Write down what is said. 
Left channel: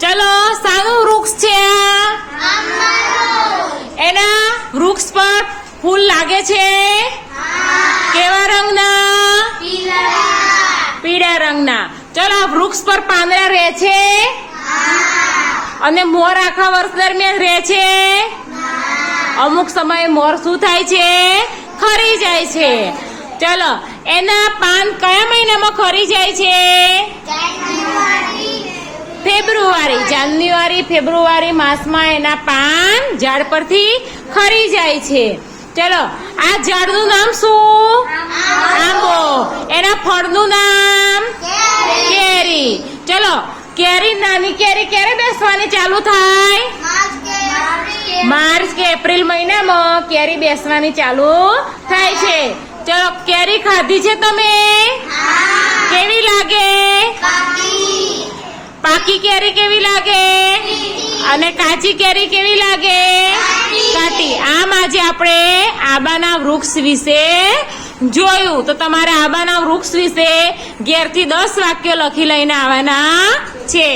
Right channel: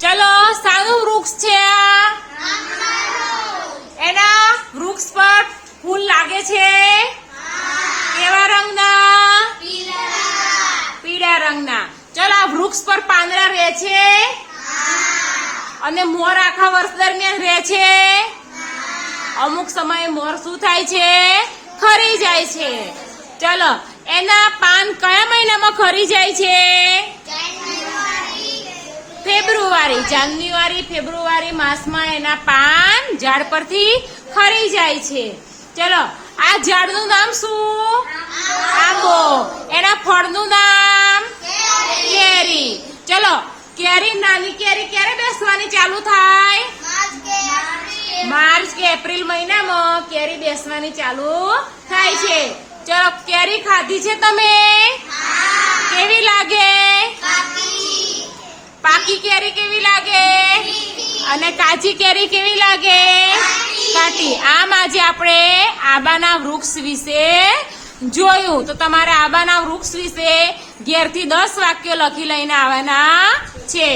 ચલો શાનું વૃક્ષ છે એના વૃક્ષ પર ફૂલ લાગે છે કેવા રંગના પીળા રંગના ચલો આ વૃક્ષ પર પાંદડા રહે છે અને મોર આખા વર્ષ દરમિયાન રહે છે અમુક સમયે મોર શું થાય છે ખરી જાય છે ચલો એના પાન કયા મહિનામાં ખરી જાય છે ફેબ્રુઆરી જાન્યુઆરી ફેબ્રુઆરી માસમાં એના પાન ઝાડ પરથી ખરી જાય છે ચલો આ ઝાડનું નામ શું આંબો એના ફળનું નામ કેરી ચલો કેરી નાની કેરી ક્યારે બેસવાની ચાલુ થાય માર્ચ કે એપ્રિલ મહિનામાં કેરી બેસવાની ચાલુ થાય છે ચલો કેરી ખાધી છે તમે કેવી લાગે પાકી કેરી કેવી લાગે અને કાચી કેરી કેવી લાગે કાટી આમ આજે આપણે આંબાના વૃક્ષ વિશે જોયું તો તમારે આંબાના વૃક્ષ વિશે ઘેરથી 10 વાક્યો લખી લઈને આવવાના છે